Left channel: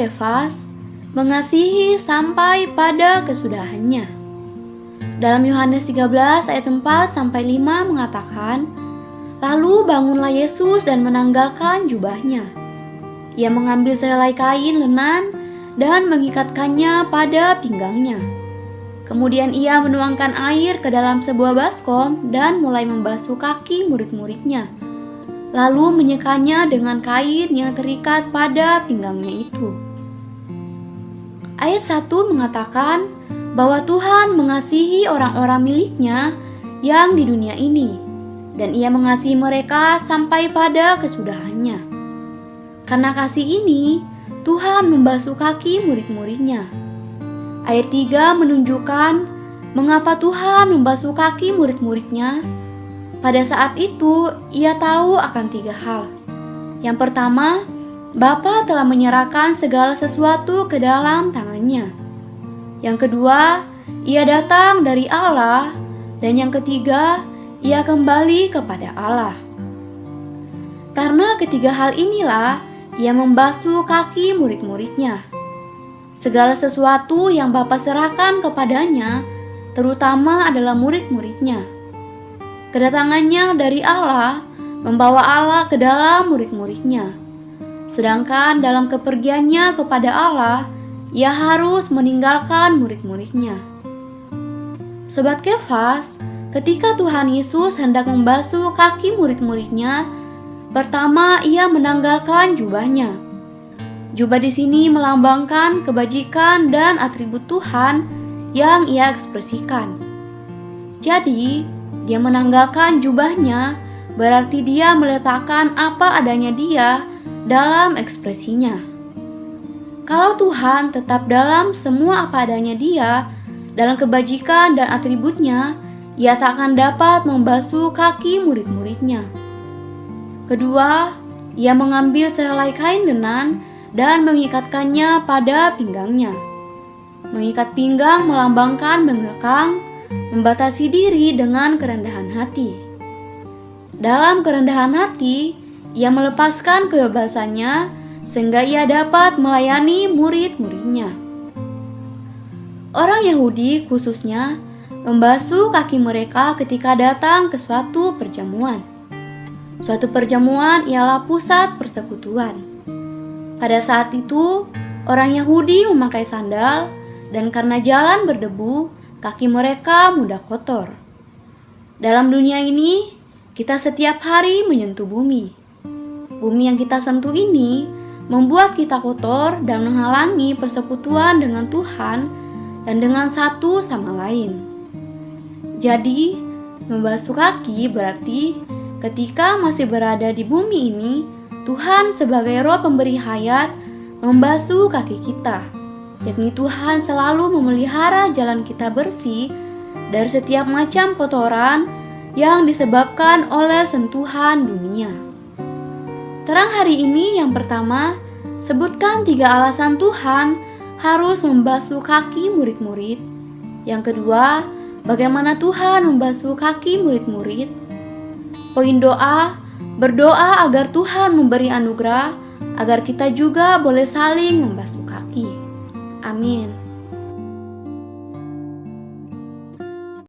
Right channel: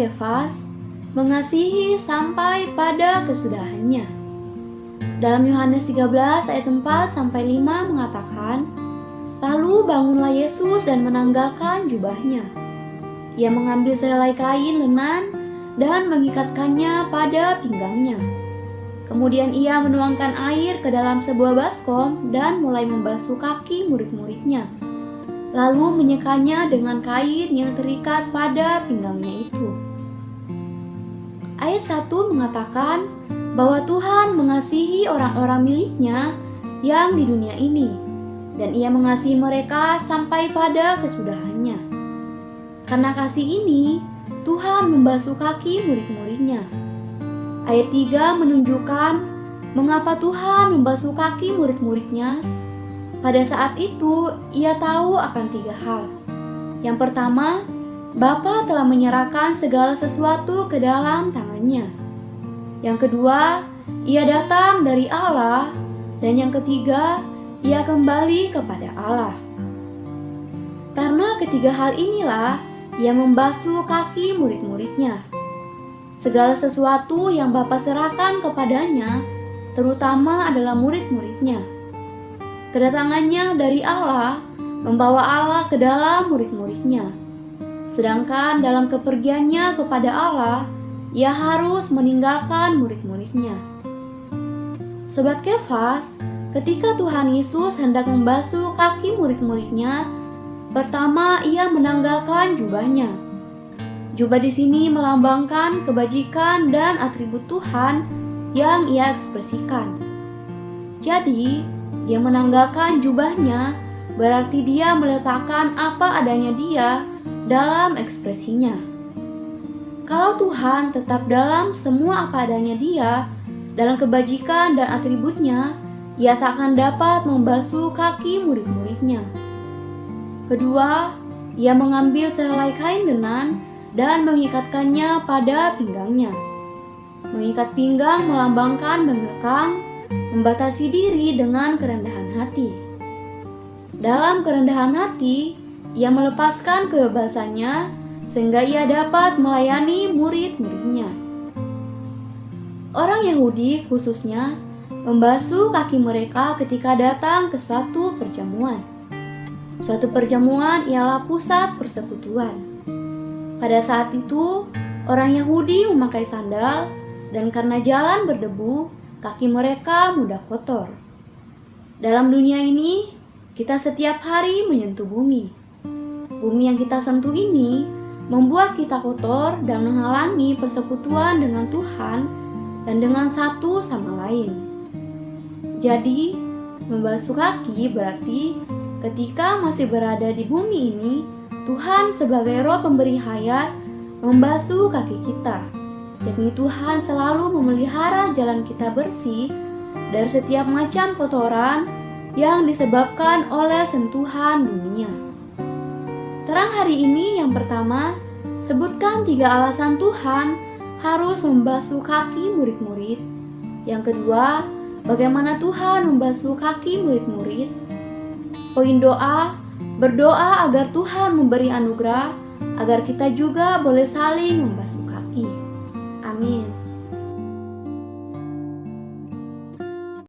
Kefas mengasihi sampai pada kesudahannya. Dalam Yohanes 13 ayat 4 sampai 5 mengatakan, "Lalu bangunlah Yesus dan menanggalkan jubahnya. Ia mengambil sehelai kain lenan dan mengikatkannya pada pinggangnya. Kemudian ia menuangkan air ke dalam sebuah baskom dan mulai membasuh kaki murid-muridnya, lalu menyekanya dengan kain yang terikat pada pinggangnya itu." Ayat 1 mengatakan bahwa Tuhan mengasihi orang-orang miliknya yang di dunia ini, dan ia mengasihi mereka sampai pada kesudahannya. Karena kasih ini, Tuhan membasuh kaki murid-muridnya. Ayat 3 menunjukkan mengapa Tuhan membasuh kaki murid-muridnya. Pada saat itu, ia tahu akan 3 hal. Yang pertama, Bapa telah menyerahkan segala sesuatu ke dalam tangannya. Yang kedua, ia datang dari Allah. Dan yang ketiga, ia kembali kepada Allah. Karena ketiga hal inilah, ia membasuh kaki murid-muridnya. Segala sesuatu yang Bapa serahkan kepadanya, terutama adalah murid-muridnya. Kedatangannya dari Allah membawa Allah ke dalam murid-muridnya. Sedangkan dalam kepergiannya kepada Allah, ia harus meninggalkan murid-muridnya. Sobat Kefas, ketika Tuhan Yesus hendak membasuh kaki murid-muridnya, pertama ia menanggalkan jubahnya. Jubah di sini melambangkan kebajikan dan atribut Tuhan yang ia ekspresikan. Jadi, dia menanggalkan jubahnya berarti dia meletakkan apa adanya dia dalam ekspresinya. Kalau Tuhan tetap dalam semua apa adanya dia, dalam kebajikan dan atributnya, ia tak akan dapat membasuh kaki murid-muridnya. Kedua, ia mengambil sehelai kain lenan dan mengikatkannya pada pinggangnya. Mengikat pinggang melambangkan mengekang, membatasi diri dengan kerendahan hati. Dalam kerendahan hati, ia melepaskan kebebasannya sehingga ia dapat melayani murid-muridnya. Orang Yahudi khususnya membasuh kaki mereka ketika datang ke suatu perjamuan. Suatu perjamuan ialah pusat persekutuan. Pada saat itu, orang Yahudi memakai sandal dan karena jalan berdebu, kaki mereka mudah kotor. Dalam dunia ini, kita setiap hari menyentuh bumi. Bumi yang kita sentuh ini membuat kita kotor dan menghalangi persekutuan dengan Tuhan dan dengan satu sama lain. Jadi, membasuh kaki berarti ketika masih berada di bumi ini, Tuhan sebagai Roh pemberi hayat membasuh kaki kita, yakni Tuhan selalu memelihara jalan kita bersih dari setiap macam kotoran yang disebabkan oleh sentuhan dunia. Terang hari ini yang pertama, sebutkan 3 alasan Tuhan harus membasuh kaki murid-murid. Yang kedua, bagaimana Tuhan membasuh kaki murid-murid. Poin doa, berdoa agar Tuhan memberi anugerah, agar kita juga boleh saling membasuh